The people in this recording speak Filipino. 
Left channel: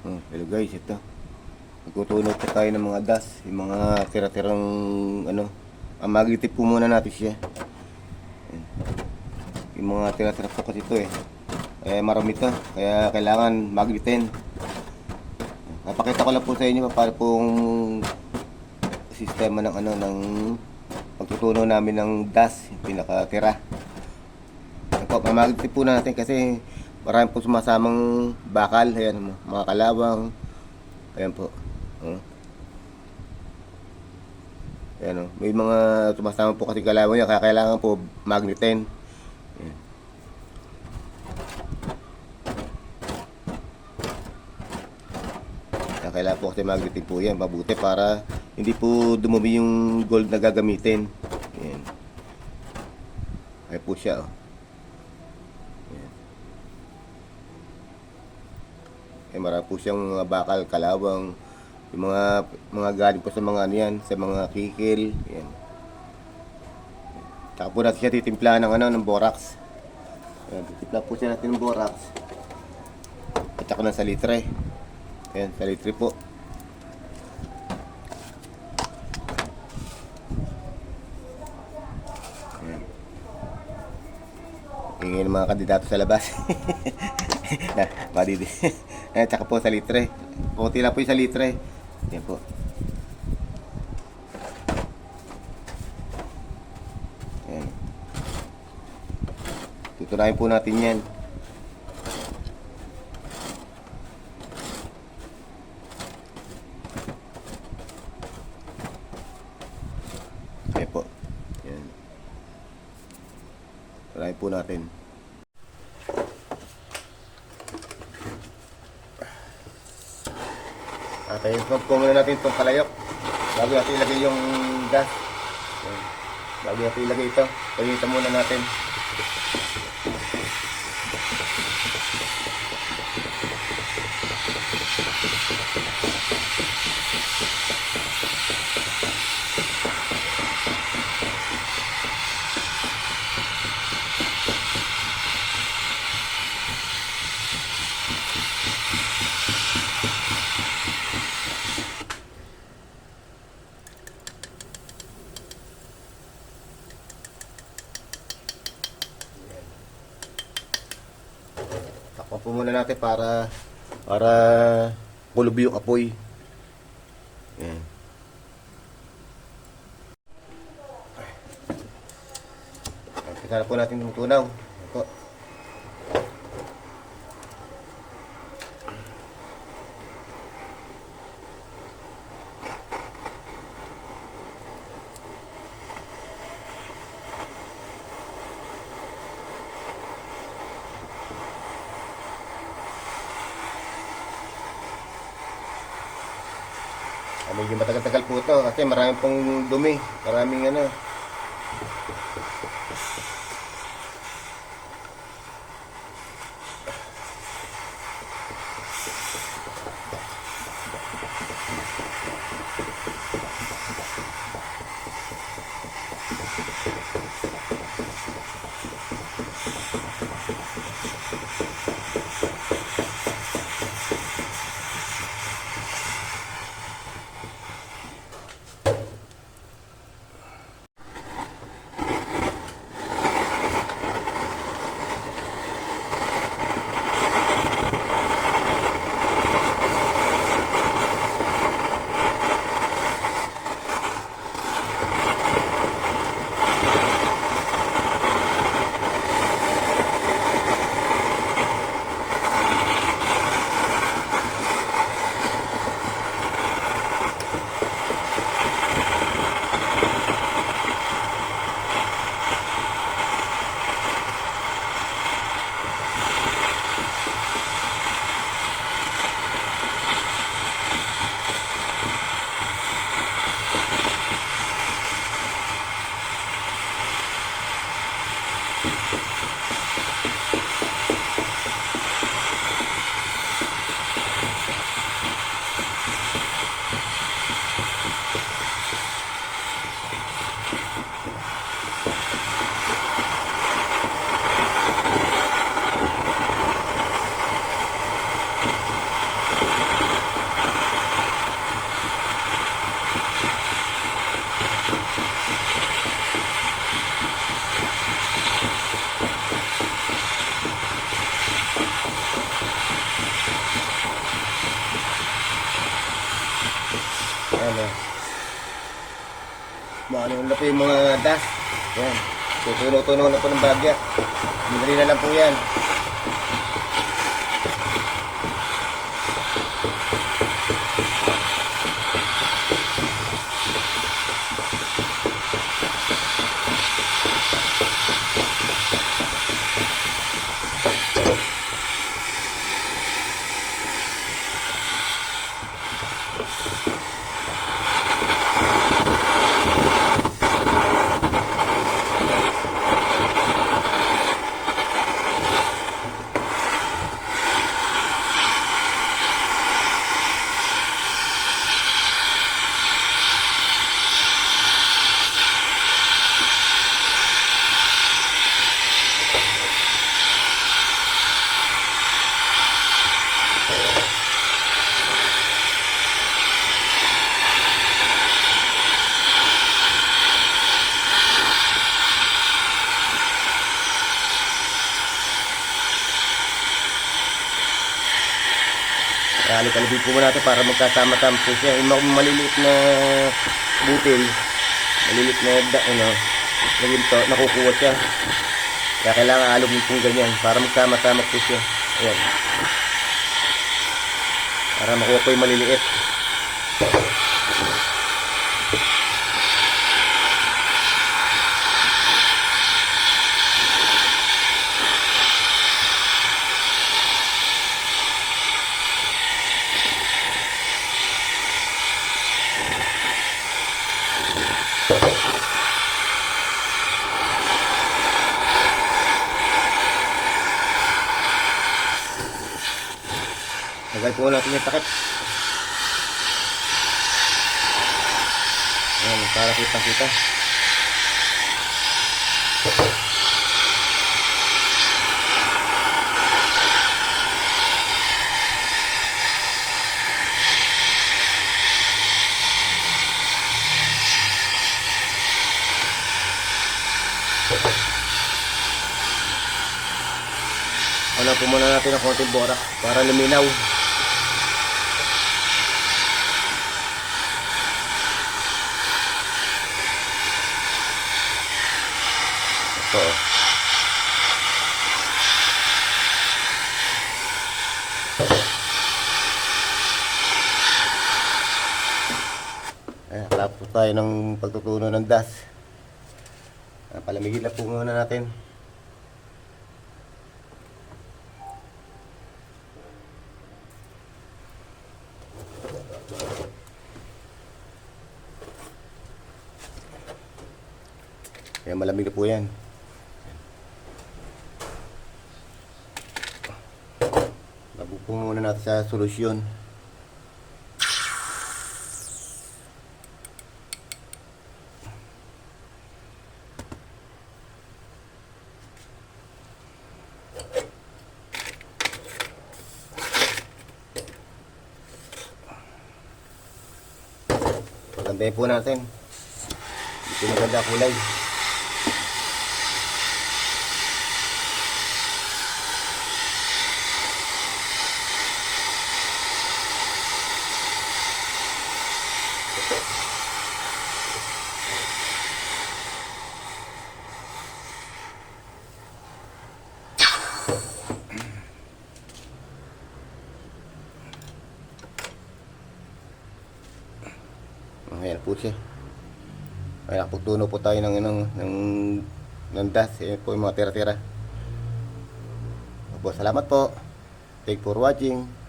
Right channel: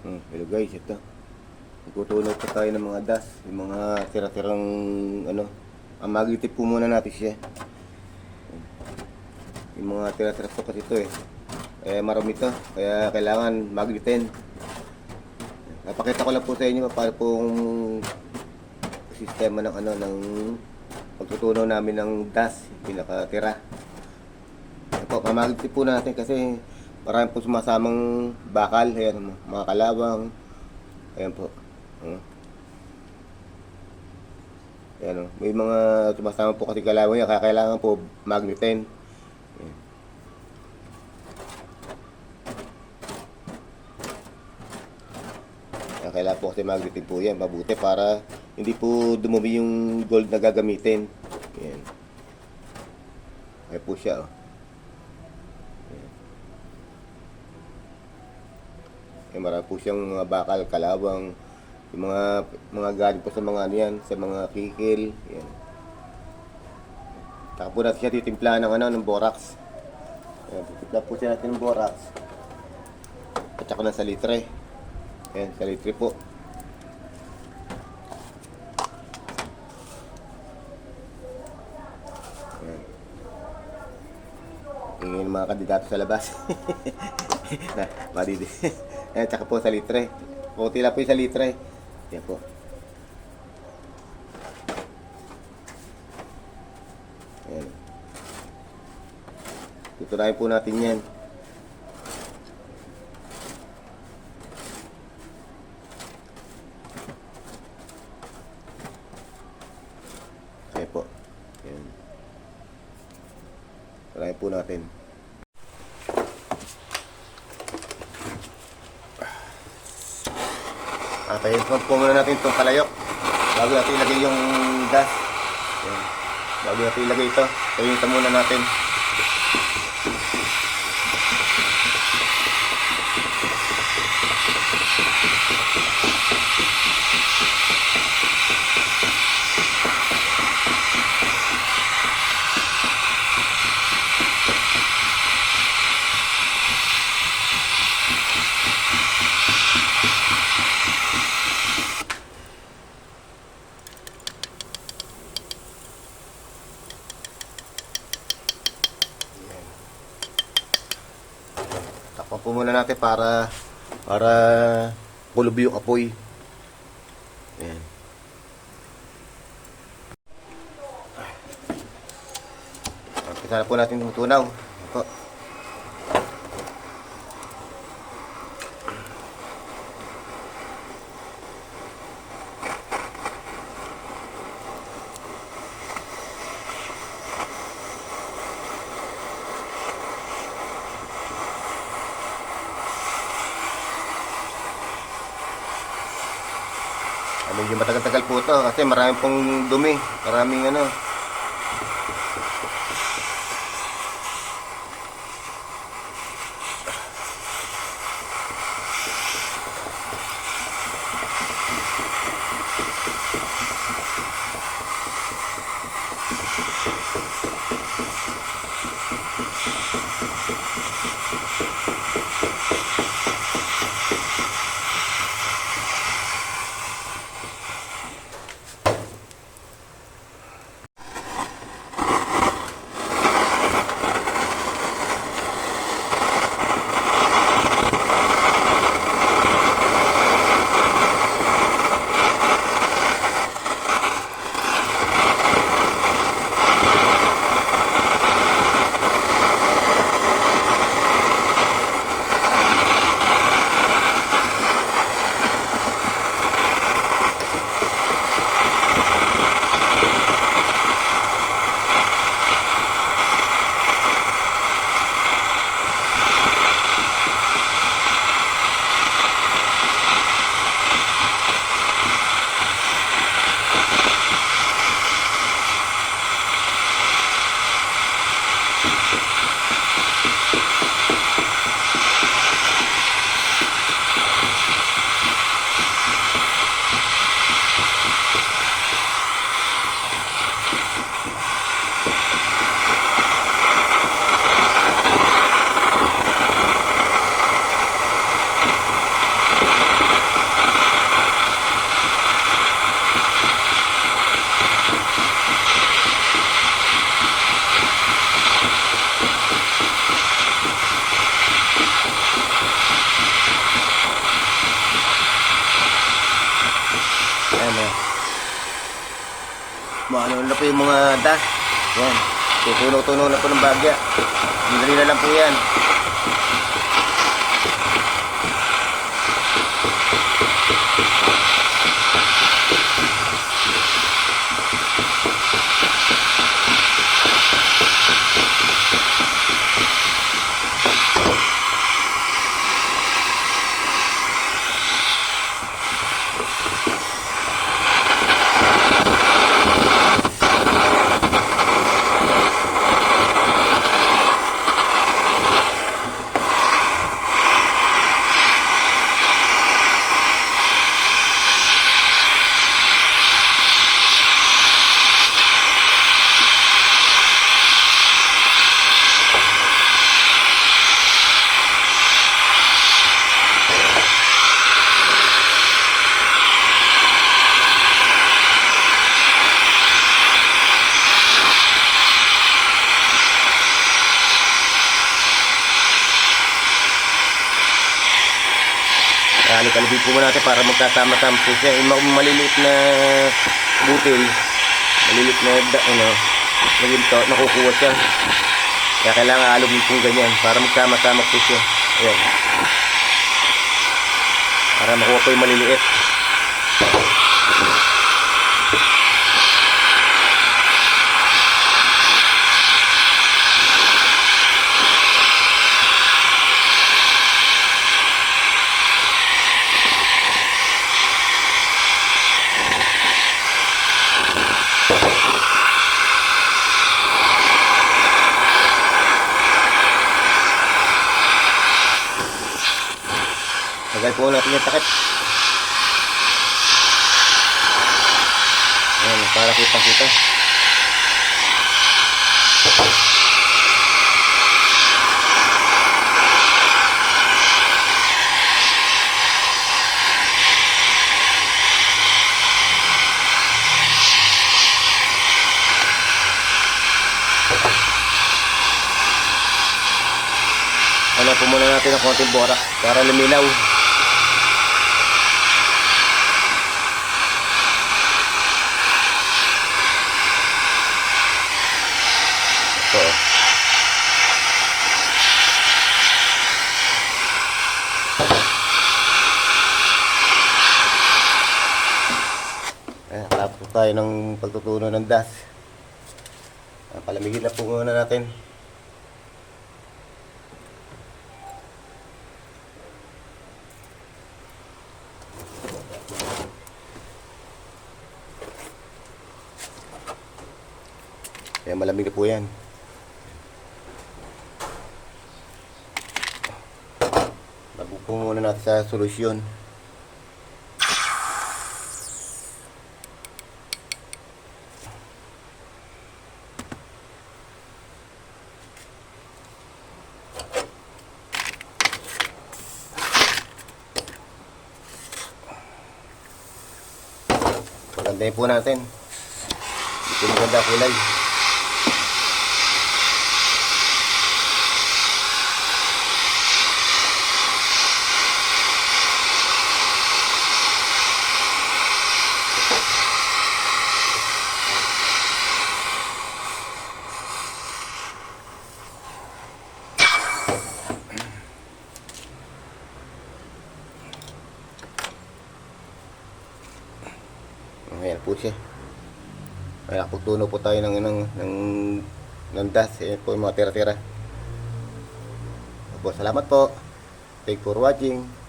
Hello guys, ito. Magtutunog pa tayo ng mga das, yung mga tira-tirang ano. Magitip po muna natin siya. Yung mga tira-tira po kasi ito marami ito, kaya kailangan magitin. Napakita ko lang po sa inyo para pong sistema ng ano ng pagtutunog namin ng das, yung pinakatira. Mamagitip po natin kasi marami po sumasamang bakal, ayan, mga kalawang. Ayan po. Ayan, may mga sumasama po kasi kalawang yan, kaya kailangan po magnetin. Ayan. Kaya kailangan po kasi magnetin po yan, mabuti para hindi po dumumi yung gold na gagamitin. Ayan. Ayan po siya, marami po siyang mga bakal, kalawang, yung mga galing po sa mga ano yan, sa mga kikil, yan. Saka po natin siya titimplahan ng ng borax. Ayan, titimpla po siya natin ng borax. At saka ng salitre. Ayan, salitre po. Ayan. Tingin ng mga kandidato sa labas. Madidi. Ayan, tsaka po sa litre. Kunti lang po yung sa litre. Ayan po. Ayan. Tutunahin po natin yan. Ayan po. Ayan. Tutunahin po natin. Tayo po muna natin itong kalayok bago natin ilagay yung das. Ayan. Bago natin ilagay ito, tayo muna natin. Takpan po muna natin para kulob yung apoy. Ayan. Umpisa na po natin tumutunaw. Ito. Medyo matagal-tagal po ito kasi maraming pong dumi, maraming ano. Ayan. Maano na po yung mga dust. Yan. Tutuno-tuno na po ng bagya. Madali na lang po yan. Kalibig po muna natin para magkasama-sama po siya. Yung maliliit na butil, maliliit na naginto, nakukuha siya. Kaya kailangan alugin pong ganyan para magsama-sama po siya. Ayan. Para makuha po yung maliliit. Tagal po natin yung takip. Ayan, para kitang-kita. Ano po muna natin ng konting borax para luminaw. Ito. Ayan, kalapit po tayo ng pagtutuno ng dust. Palamigin na po muna natin. Ayan, malamig na po yan. Lagupong muna natin sa solusyon. Pagandahin po natin. Ito maganda kulay. Ayan po siya. Ayan, putuno po tayo ng dust. Ayan po yung mga tira-tira. Salamat po. Thanks for watching.